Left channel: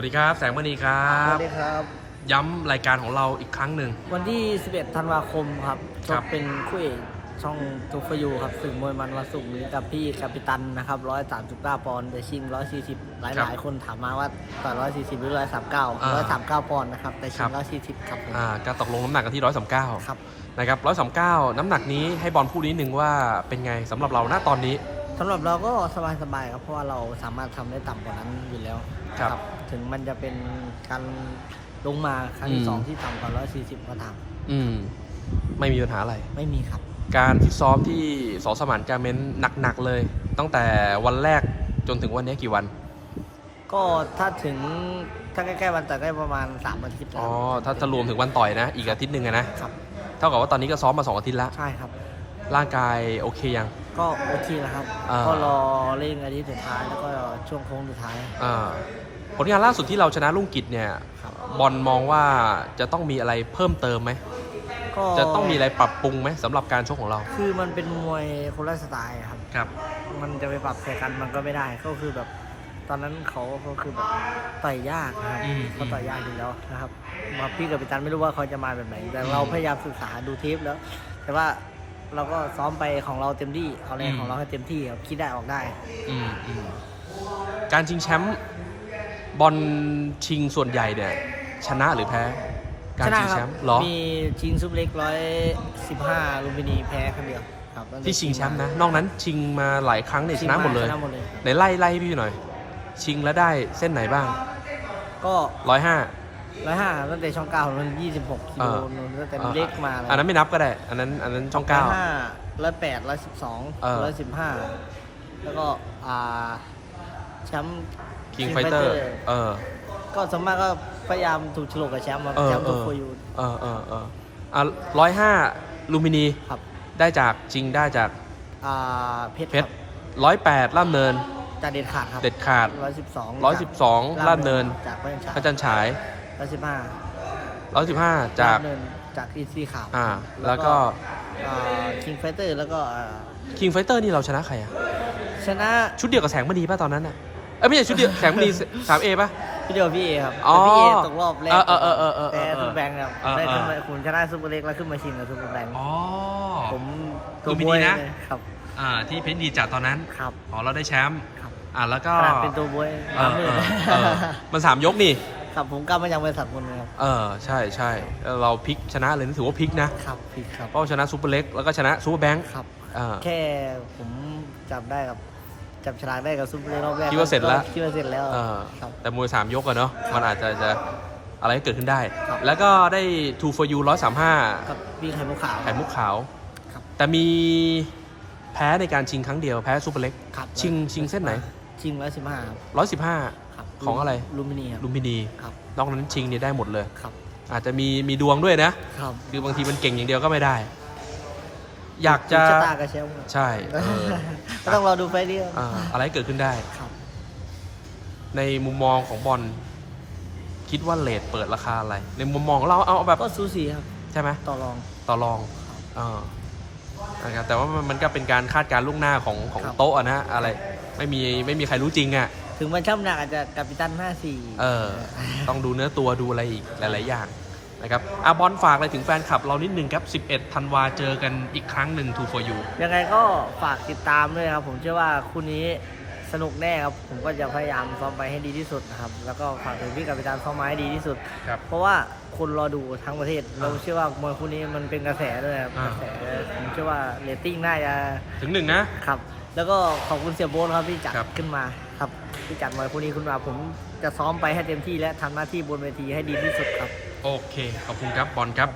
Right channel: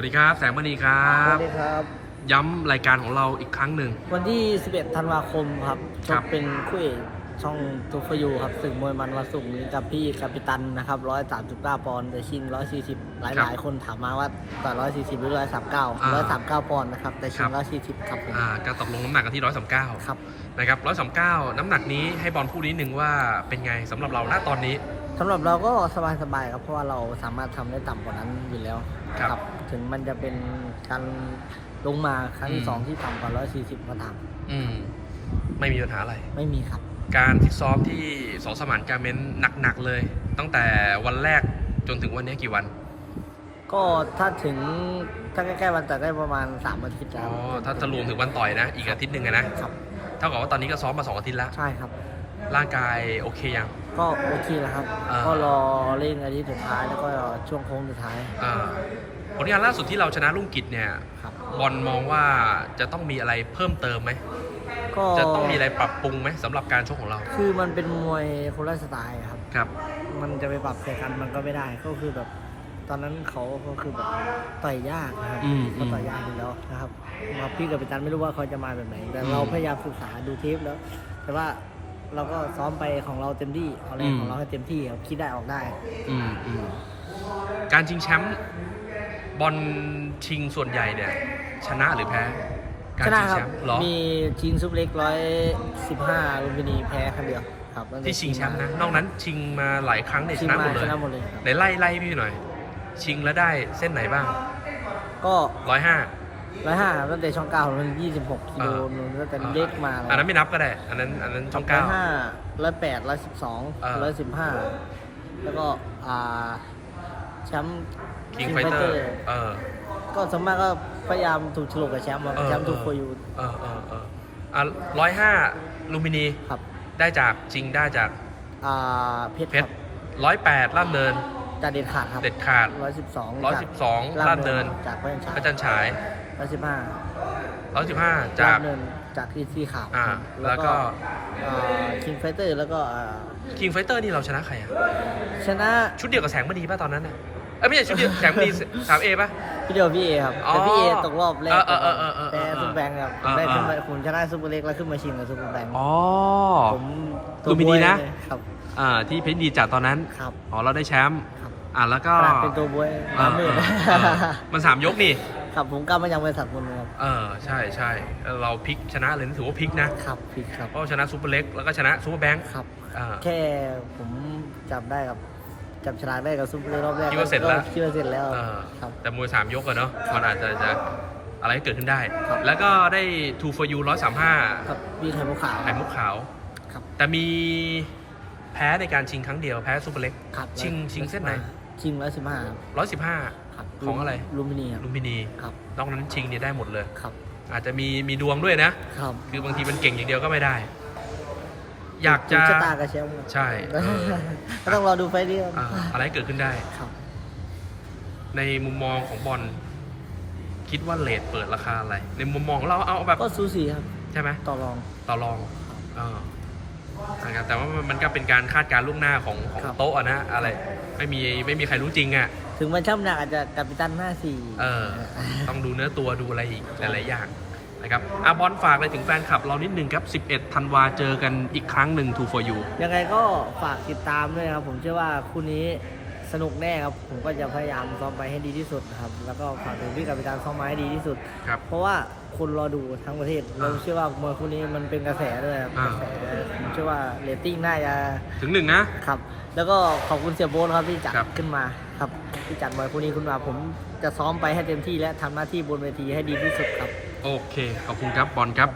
วัสดีครับ แสงมณีครัสบ วัสดีครับ ย้ำรายการของเราอีกครั้งหนึ่ง วันที่ 11 ธันวาคมครับชครักบเป็นคู่เอก ช่องทูฟยูครับศึกมวยมันวันศุกร์นี้กับพี่กัปตันนะครับ139ปอนด์แต่ชิง140หลายหลายคนถามมาว่าต่อย140หรือ139 139ปอนด์นะครับแต่ชิง140ครับผมอ่าการตกลงน้ำหนักกันที่ร้อยสามเก้าครับนะครับร้อยสามเก้าน้ำหนักนี้ให้บอลพูดนิดนึงว่าเป็นไงสำหรับเราณตอนนี้สำหรับเราก็สบายๆครับเพราะว่าเราสามารถทำได้ต่ำกว่านั้นอยู่แล้วครับถึงมันจะเป็นการลงมาครั้งที่อืมสองที่ต่ำกว่า140ก็ตามอืม ไม่มีปัญหาอะไร ไม่มีครับ การฟิตซ้อมที่สอสมานการเมนหนักๆเลย ตั้งแต่วันแรกจนถึงวันนี้กี่วัน ก็ถ้าถึงถ้าใกล้ๆวันแต่ได้ประมาณ3อาทิตย์อ๋แล้อวถ้าจะรวมถึงวันต่อยนะ อีกอาทิตย์หนึ่งอะนะ ครับ เท่ากับว่าตอนนี้ก็ซ้อมมาสองอาทิตย์แล้ว ใช่ครับ ร่างกายโอเคยัง ก็โอเคแล้วครับ อ่า ก็รอเร่งอาทิตย์สุดท้ายแล้วก็ช่วงโค้งสุดท้ายอ่าผลงานล่าสุดที่เราชนะลุงกิจเนี่ย ครับ บอลมองว่าจะต้องมีอะไรเพิ่มเติมไหม ก็จะต้องมีอะไรปรับปรุงไหมสำหรับการชกของเรา คือมันเป็นมวยคนละสไตล์ครับ ครับ มันจะไปปรับใส่กันมันก็ไม่ได้ก็คือแบบ ตอนนั้นเขาก็คือแบบต่อยยากนะครับอืมเขาต่อยยากอยู่แล้วนะครับมาพี่กับปิตันไม่รู้ว่าเขาจะมาแบบไหน แต่เราอืมพยายามศึกษาดูเทปแล้ว แต่ว่าเราก็ซ้อมไปของเราเต็มที่เอาแรงอืม ของเราให้เต็มที่ครับคิดได้ออกได้ อืมอืมการชิงแชมป์บอลชิงส่วนใหญ่เนี่ย ชนะหรือแพ้การ ชนะชิงครัแชบมป์เหรอมีชิงซุปเล็กร้อยสิบห้าลุมพินีแพ้ครั้งเดียวครับตั้แต่ที่ชิงแชมป์นะ นอกนั้นชิงมาหลายครั้งเนี่ยชชิงนะหมามดเลยชนะหมดเลยครับในไล่ไล่ให้พี่หน่อย ชิงแล้วได้เส้นไหนบ้าง ก็ร้อยห้าร้อยห้าตั้งแต่ช่องเก้ามันยี่สิบหกกิโลอ่านู่นตั้งแต่เล็กมาเลยอันนั้นไม่นับก็ได้ อันนั้นอันนั้นช่องร้อเก้ายห้าร้อยแปดร้อยสิบสองเออร้อยสิบห้าแล้วก็อ่าแชมป์คิง King ไฟเตอ Fighter ร์ เออ ก็สมมากก็พยายามถูกฉลกกับแชมป์ครับเออแชมป์เออ ถูกโคยู เออเออเอออะร้อยห้าลูมินีครับ ได้จากจริงได้จากอ่าเพชรเพคชรัรบร้อยแปดล่ามเนิน จากเด็ดขาดครับเด็ดขาด ร้อยสิบสองร้อยสิบสองล่ามเนิน จากพระยัญชาพระจันทร์ฉายร้อยสิบห้าร้อยสิบห้าจาจากกเนินจากทีซีขาวอ่าแล้วแล้วก็ก็คิงไฟเตอร์แล้วก็อ่าคิงไฟเตอร์นี่เราชนะใครอะชนะชุดเดียวกับแสงมณีป่ะตอนนั้นเนี่ย เอ้ยไม่ใช่ชุดเดียวแสงมณีสามเอป่ะ พี่เดียวพี่เอครับอ๋อแต่พี่เอตกรอบแรกเออเออเออเออเออแต่ซุปเปอร์แบงค์ครับผมอ่าได้ขึ้นมาอ่า ผมชนะซุปเปอร์เล็กแล้วขึ้นมาชิงกับซุปเปอร์แบงค์อ๋อ ผมลุมพินีนะเลยครับอ่าที่เพชรดีจัดตอนนั้น ครับอ๋อเราได้แชมป์ครับอ่าแล้วก็ขนาดเป็นตัวบวยเออน้ำมืเอดอเออมันสามยกนี่ ครับผมกล้ามายังบริษัทคนนึงครับเออใช่ใช่แล้วเราพลิกชนะเลยนี่ถือว่าพลิกนะครับผิดครับเพราะชนะซูเปอร์เล็กแล้วก็ชนะซูเปอร์แบงค์ครับ อ่าแค่ผมจับได้กับ จับฉลากได้กับซุปเปอร์เล็กรอบแรกคิดว่าเสร็จแล้ว ก็คิดว่าเสร็จแล้วอ่าครับ แต่มวยสามยกอะเนาะมันอาจจะจะอะไรก็เกิดขึ้นได้ ครับ แล้วก็ได้2 for you 135กับพี่ไข่มุกขาว ไข่มุกขาว ครับ แต่มีแพ้ในการชิงครั้งเดียวแพ้ซูเปอร์เล็ก ครับชิงชิงเส้นไหน ชิงร้อยสิบห้า115 ครับของอะไร ลูมินีครับลุมพินีครับ นอกนั้นชิงเนี่ยได้หมดเลย ครับ อาจจะมีมีดวงด้วยนะ ครับ คือบางทีมันเก่งอย่างเดียวก็ไม่ได้ อยากจะถูชะตากับแชมป์ครับใช่เออก็ต้องรอดูไฟล์นี้ครับอ่าอะไรเกิดขึ้นได้ครับในมุมมองของบอลคิดว่าเลทเปิดราคาอะไร ในมุมมองของเราเอาเอาแบบก็สูสีครับใช่ไหมต่อรองต่อรองครับอ่านะครับแต่ว่ามันมันก็เป็นการคาดการณ์ล่วงหน้าของของครับโต๊ะอะนะอะไรไม่มีไม่มีใครรู้จริงอะถึงมันช่ำหนักอาจจะกัปตันห้าสี่เออ ต้องดูเนื้อตัวดูอะไรอีกหลายๆอย่าง นะครับอาบอลฝากอะไรถึงแฟนคลับเรานิดนึงครับ 11 ธันวาเจอกันอีกครั้งหนึ่ง2 for you ยังไงก็ฝากติดตามด้วยครับ ผมเชื่อว่าคู่นี้สนุกแน่ครับ ผมก็จะพยายามซ้อมไปให้ดีที่สุดนะครับ แล้วก็ฝากถึงพี่กัปตันซ้อมมาให้ดีที่สุด ครับเพราะว่าคนรอดูทั้งประเทศ เราเชื่อว่ามวยคู่นี้มันเป็นกระแสด้วยครับอ่า กระแสผมเชื่อว่าเรตติ้งน่าจะถึงหนึ่งนะ ครับ แล้วก็ขอบคุณเสียโบ๊ทครับที่จัดครับ ขึ้นมาครับที่จัดมวยคู่นี้ขึ้นมา ผมจะซ้อมไปให้เต็มที่และทำหน้าที่บนเวทีให้ดีที่สุดครับ โอเค ขอบคุณครับบอลครับ